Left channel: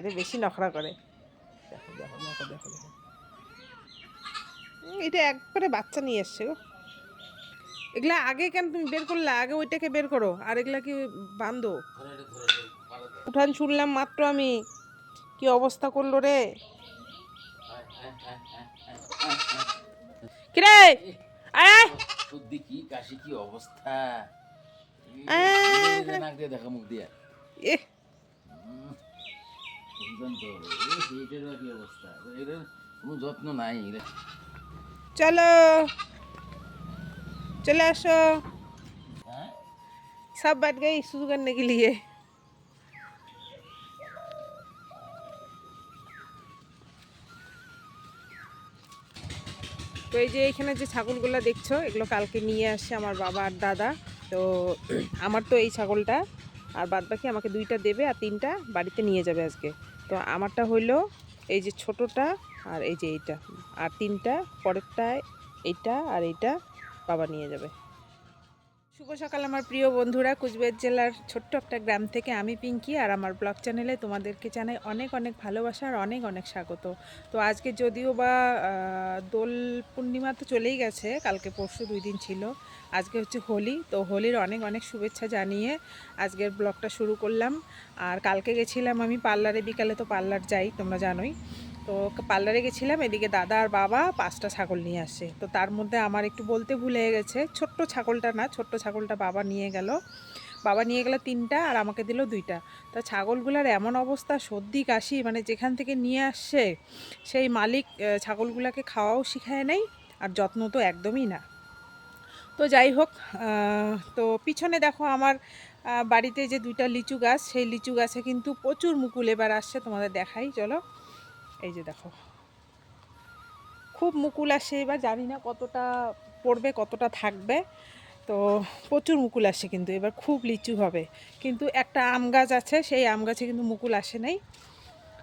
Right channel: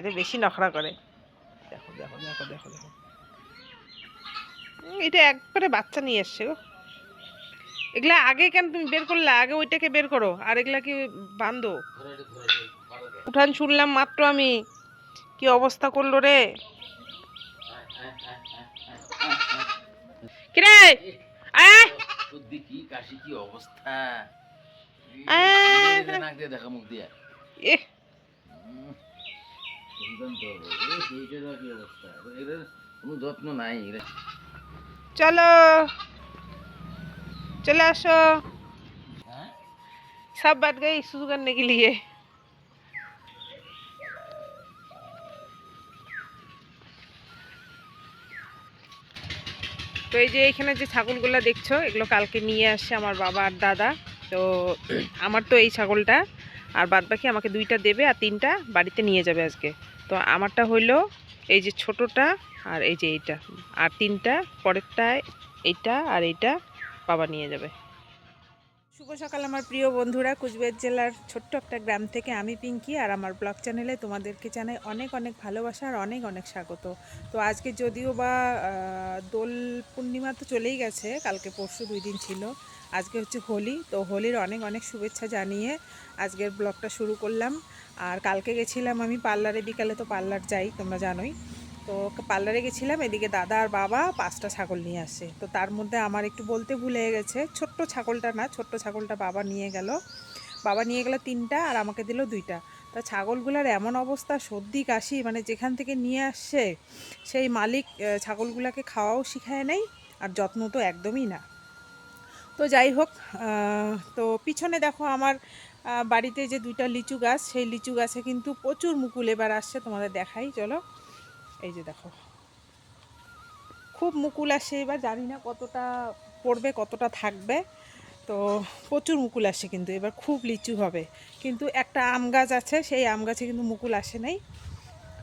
এটা বেশি নখরা করে। দেখো দেখো দেখো দেখো দেখো, এটা একবারে বাচ্চা নিয়ে এসছে গো। এগুলা আগে কেন তুমি বের করলে? আগে ওইটাকে বের করো, আর এগুলা কি বান্ধো? উঠান শুনলাম মাত্র আমি, কি অবস্থা করলো রে। কিরে আয় দেখি কাশি কি অবস্থা। আয়, দেখা মুখ দিয়া এ সেইটার কি অবস্থা, এটার কোনো যত্ন নাই। চলো चले আসো, सब बात गई शुरू करने के लिए। তো এই যে এখানে যে ছাগলগুলো দেখছো, এগুলো কালকে নিয়ে আসে আমার বাবা আর দাদা। তো আমার তো এই ছাগলটা, আর বাদ বাকি আমাকে দুইটা দেবে আর তিনটা বাড়িতে নিয়ে যাবে আজকে। তো আমারটা হইলো এই যে ছোটটা, আর এই যে এইটা, আর তিনটা পরেরটায় এইটা আর এইটা বাবা নিয়ে যাবে। শুভ সকাল আমার প্রিয় বন্ধুরা, কুচবিহার জেলার ছোট্ট একটা গ্রাম থেকে আমি পিঙ্কি, আর আমার ব্লগ চ্যানেলে তোমাদেরকে জানাই অনেক অনেক ভালোবাসা আর অনেক অনেক স্বাগত। তো আজকে যদিও বা দোল পূর্ণিমা তো চলেই গেছে, কালকে পরশু 2 দিন ছিল, আজকে হচ্ছে হোলি। তো হোলির অনেক অনেক শুভেচ্ছা জানিয়ে আজকের ব্লগটা শুরু করলাম। আর কালকে গেছিলাম আমি পার্লারে, বিকালে তো পার্লার যাই তোমরা জানোই। তো পার্লারে গেছিলাম, এদিকে দাদা আর বাবা 5টা ছাগল নিয়ে আসে। তো তার মধ্যে আমার একটু বলতে ভুলে গেছে, ছোট্ট ছাগলটা না, ছোট্ট ছাগলটা বাবা নিয়ে গেল। বাবা নিয়ে গেল 3টা আর আমাকে দিল 2টা। তা ছাগলগুলার এমন অবস্থা, সর্দি কাশি, মানে যেখান থেকে নিয়ে আসছে সেই মালিক ছাগলগুলাকে খাওয়াও শিখায় নাই, আর যত্ন তো একদমই না। তো যাই হোক, তো পিছনে দেখো আমার বাড়িতে যে 2টা লিচু গাছ, সেই লিচু গাছে কিন্তু প্রচুর মুকুল এবার আসছে, তোমাদের দেখাই চলো। এই যে দেখো, খুব মুকুল আসে এবার, জানি না কতটা পড়বে কতটা থাকবে। তো প্রচুর মুকুল আসে কিন্তু এবার, খুব লিচু হবে। কিন্তু একটা আম গাছ আছে, সেই আম গাছে কিন্তু মুকুল আসে নাই।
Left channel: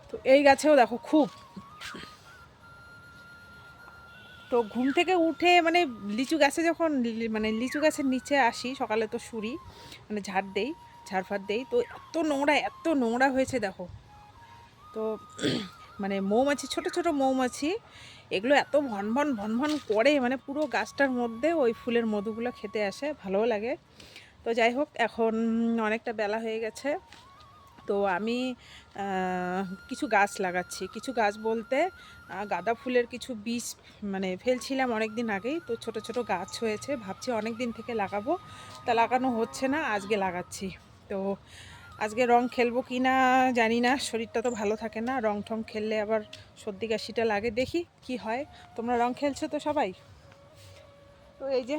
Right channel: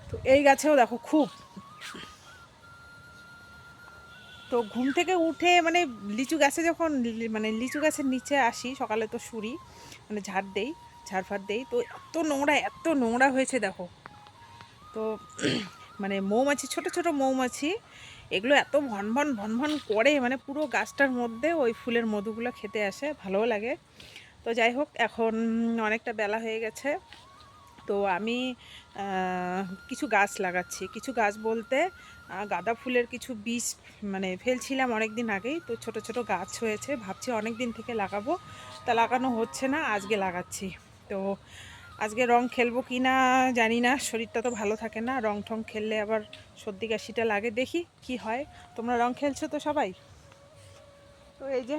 তো এই গাছেও দেখো খুব। তো ঘুম থেকে উঠে মানে লিচু গাছে যখন মানে লিচু গাছের নিচে আসি সকালে, তো শুরি মানে ঝাড় দেই, ঝাড়ফাড় দেই, তো এত নোংরা হয়েছে দেখো। তো মানে মৌমাছি, ছোট ছোট মৌমাছি, এগুলো এত ভনভন ভনভন করে, মানে পুরো গাছটার মধ্যে ওই ফুলের মধুগুলো খেতে আসে, ভালোও লাগে। তো যাই হোক, এখন অনেকটা বেলা হয়ে গেছে। তো আমি কিছু গাছ লাগাচ্ছি, কিছু গাছ বলতে গাঁদা ফুলের কিছু বীজ মানে ফেলছিলাম অনেক দিন আগেই। তো ছোট ছোট গাছ হয়েছে, ভাবছি অনেক দিন থেকে লাগাবো, তা লাগানো হচ্ছে না, আজকে লাগাচ্ছি। তো আজকে রং খেলবো কি না জানি না, শরীরটা তো ভালো থাকে না, রং ঠং খেললে আবার সর্দি কাশিটা লাগে, দেখি কি হয়। তোমরা রং খেলছো তো সবাই? তো এই যে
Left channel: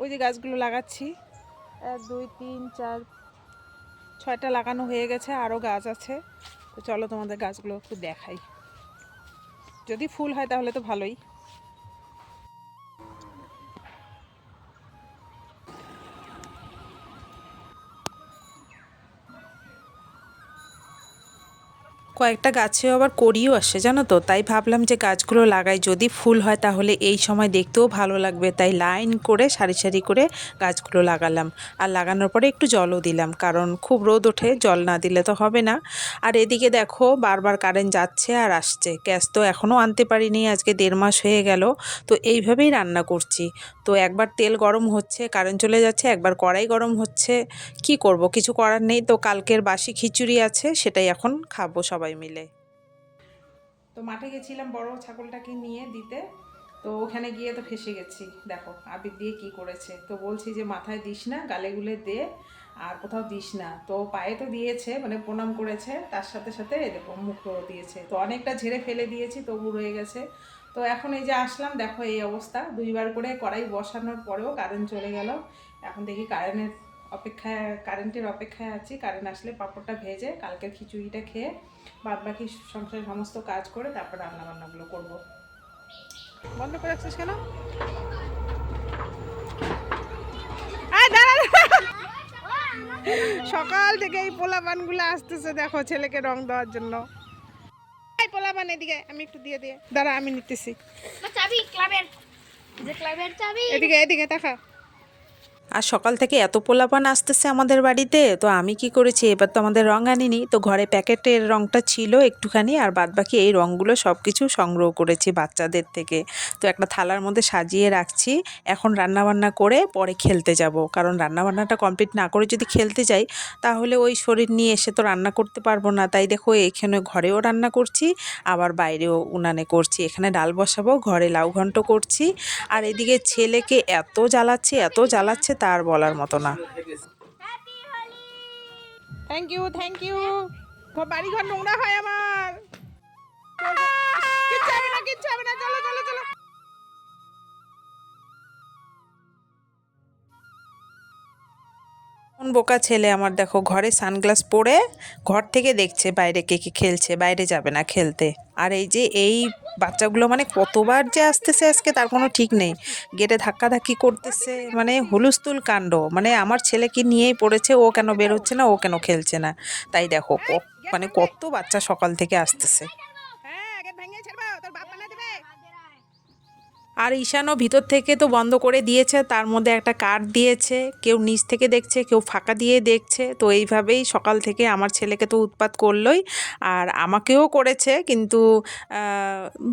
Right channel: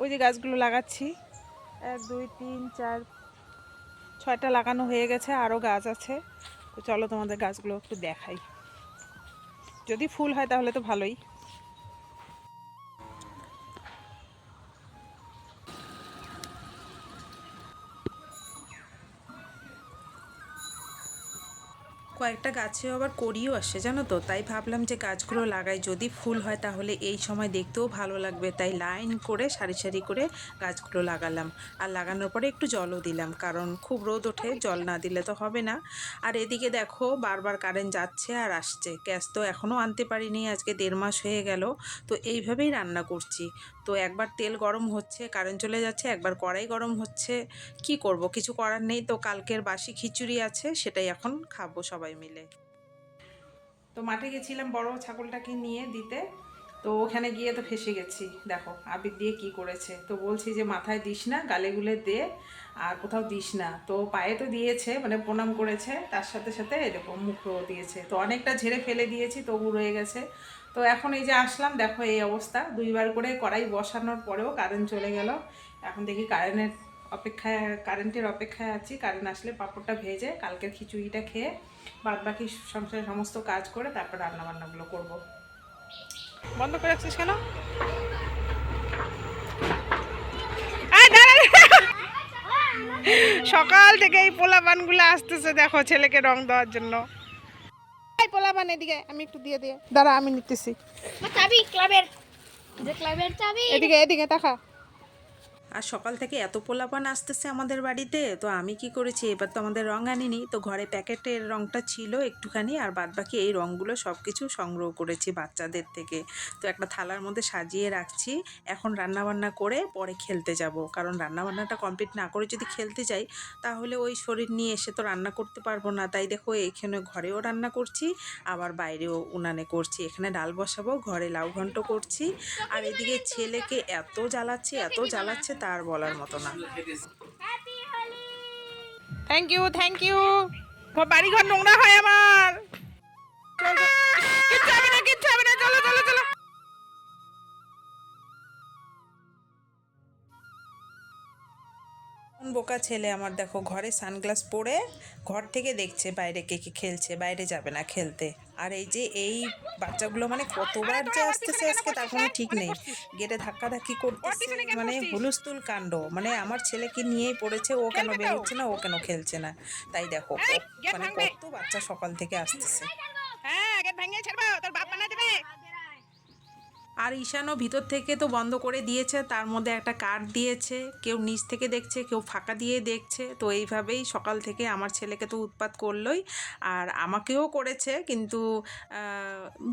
ওই যে গাছগুলো লাগাচ্ছি, 1 2 3 4 6টা লাগানো হয়ে গেছে, আরও গাছ আছে। তো চলো তোমাদের গাছগুলো একটু দেখাই, যদি ফুল হয় তাহলে তো ভালোই। কয়েকটা গাছেও আবার করিও আসে জানো তো, তাই ভাবলাম যে গাছগুলো লাগাই, যদি ফুল হয় তাহলে এই সময় দেখতেও ভালো লাগবে। তাই লাইন করে সারি সারি করে গাছগুলো লাগালাম, আর লাগানোর পরে একটু জলও দিলাম, কারণ খুব রোদ ওঠে, জল না দিলে তো হবে না। আর এদিকে দেখো বারবার কারেন্ট যাচ্ছে আর আসছে, গ্যাস তো এখনও আনতে পারিনি, আজকে 1.5 মাস হয়ে গেল। তো এইভাবেই রান্না করছি। তো একবার তেল গরম হচ্ছে, কারেন্ট চলে যাচ্ছে, একবার কড়াই গরম হচ্ছে, কি করব, কিছু করার নেই। তো কালকের বাসি খিচুড়ি আছে, সেটাই এখন খাবো সবাই মিলে। তো মাঠে গেছিলাম বড় ছাগলটাকে নিয়ে দিতে, তো ওখানে গিয়ে তো ফেসে গেছি। দেখো আবির দিয়ে কি করেছে, তো বলছি যে মাথায় দিস না, গালে গুলে দে, আর কোথাও দিস না। তো পায়ে তো দিয়েছে, মানে প্রণাম করেছে, তার সাথে সাথে এরকম মুখও দিয়েছে। তো অনেকটা ঝেড়ে ফেলে দিয়েছি, তবু রয়ে গেছে। তো এখন এই যে আসলাম, দেখো এই অবস্থা, 2বার করে কড়াই বসানোর পরেও কারেন্ট চলে গেল। এখন দেখি কারেন্টের অপেক্ষায় আছি, কারেন্ট আসলে পাঁপড়টা ভেজে কালকের খিচুড়িটা খেয়ে বাদ বাকি সংসারের সমস্ত কাজ করে তারপর রান্নাবান্নাগুলো করব। বন্ধ করে রাখছিস কেন? সকাল থেকে এই পোলাপানগুলো আসতেছে, দেখো ছেলেকে রং দেওয়ার জন্য। পোলাপান এদিকে, আমি একটু দিয়ে দিয়ে দাঁড়া, আমি নিতেছি। এদিকে এদিকে তাকা। আর সকাল থেকে এত পোলাপান আসতেছে আমাদের বাড়িতে, তো আমি কি করেছি, এবার তো আমাদের রং আনিনি, তো ঘরে প্যাকেটের রংটা ছিল একটুখানি, আর বাদবাকি এই রংগুলো সব কিছু সংগ্রহ করেছি বাচ্চাদের থেকে। তো একটা থালার মধ্যে সাজিয়ে রাখছি। এখন রান্নাবান্না করে পরে খেলতে যাব, কারণ রান্নাবান্নাটা কমপ্লিট না করে যদি খেলতে যাই তাহলে ওই শরীর নিয়ে এসে তো রান্না করতে পারবো না। তাই দেখো এখানে ঘরেও রান্না করছি, আবার বাইরেও উনানে করছি। এখানে ডাল বসাবো, ঘরে লাউ ঘন্ট করছি, আর এদিকে ছেলেকে এত জ্বালাচ্ছে তার বলার মতো না। Thank you, thank you. বাড়ি ঘর নোংরা হয় আমার। চল, চল। কিচ্ছু হবে না, কিচ্ছু হবে না, চলো চলো চলো। কোন বোকা ছেলে আমার, দেখো ঘরে সানগ্লাস পরে ঘর থেকে দেখছে বাইরে কে কে খেলছে, বাইরে যাবে না খেলতে। আর এই যে এই বাচ্চাগুলো মানে কতবার যে আসতেছে আজকে তার কোনো ঠিক নেই, গেটে ধাক্কাধাক্কি করতেছে, মানে হুলুস্থুল কাণ্ড। মানে আমার ছেলেকে নিয়েই পড়েছে, ও কেন বের হচ্ছে না, ও কেন খেলছে না। তাই দেখো গেট মানে ভাঙবে। কত বাচ্চা সকাল থেকে আসতেছে। হ্যাঁ, গেট ভেঙে ছাড়বো, তোর বাপ বানা দেবে। আর ঈশানও ভিতর থেকে তো বন্ধ করে দিয়েছে, তার মধ্যে একটা কাঠ দিয়েছে, কেউ নিচ থেকে দেখছে, কেউ ফাঁকা দিয়ে দেখছে। তো এইভাবেই সকাল থেকে আমার ছেলেকে তো উৎপাত করলোই, আর আমাকেও করেছে। কিন্তু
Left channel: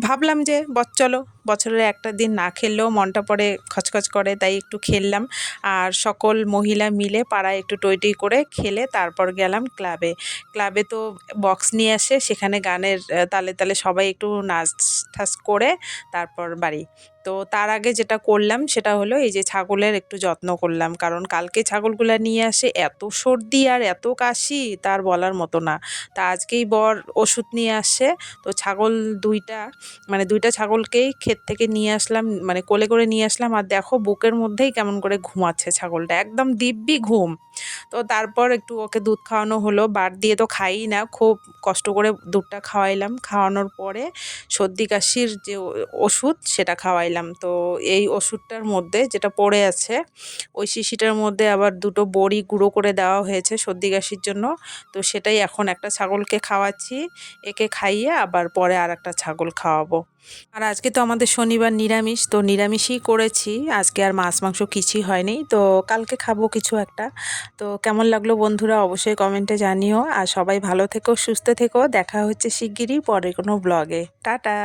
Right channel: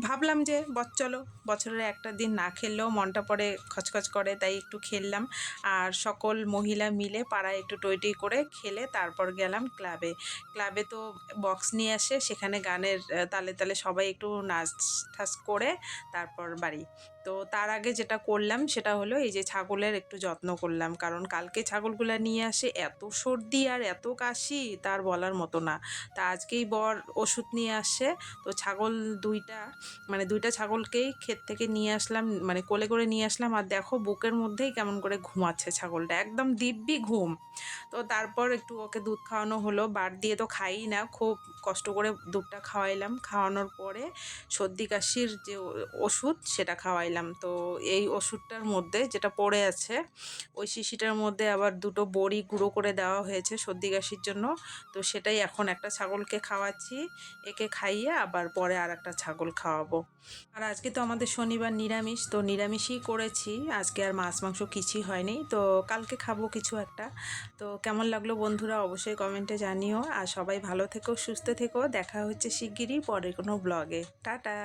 ভাবলাম যে চলো, বছরের একটা দিন না খেললেও মনটা পড়ে খচখচ করে, তাই একটু খেললাম। আর সকল মহিলা মিলে পাড়ায় একটু টই করে খেলে তারপর গেলাম ক্লাবে। ক্লাবে তো বক্স নিয়ে আসে, সেখানে গানের তালে তালে সবাই একটু নাচ ঠাচ করে তারপর বাড়ি। তো তার আগে যেটা করলাম সেটা হলো এই যে ছাগলের একটু যত্ন করলাম, কারণ কালকে ছাগলগুলা নিয়ে আসে এত সর্দি আর এত কাশি তার বলার মতো না। তা আজকেই বর ওষুধ নিয়ে আসে। তো ছাগল দুইটা, মানে দুইটা ছাগলকেই ক্ষেত থেকে নিয়ে আসলাম, মানে কোলে করে নিয়ে আসলাম। আর দেখো বুকের মধ্যেই কেমন করে ঘুমাচ্ছে ছাগলটা, একদম দিব্যি ঘুম। তো তারপর একটু ওকে দুধ খাওয়ানো হলো, বাট দিয়ে তো খাই না, খুব কষ্ট করে দুধটা খাওয়াইলাম। খাওয়ানোর পরে সর্দি কাশির যে ওষুধ সেটা খাওয়াইলাম। তো এই ওষুধটার মধ্যে যেটা পড়ে আছে ওই শিশিটার মধ্যে আবার দুটো বড়ি গুঁড়ো করে দেওয়া হয়েছে সর্দি কাশির জন্য। তো সেটাই এখন একটা ছাগলকে খাওয়াচ্ছি, একে খাইয়ে আবার পরে আর একটা ছাগল খাওয়াবো। আর আজকে তো আমাদের শনিবার নিরামিষ, তো নিরামিষই করেছি আজকে, আর মাছ মাংস কিছুই হয়নি। তো কালকে খাবো কিছু একটা। তো কেমন লাগলো বন্ধুরা অবশ্যই কমেন্টে জানিও, আর সবাই ভালো থেকো, সুস্থ থেকো। দেখা হচ্ছে শিগগিরই পরে কোনো ব্লগে। টাটা।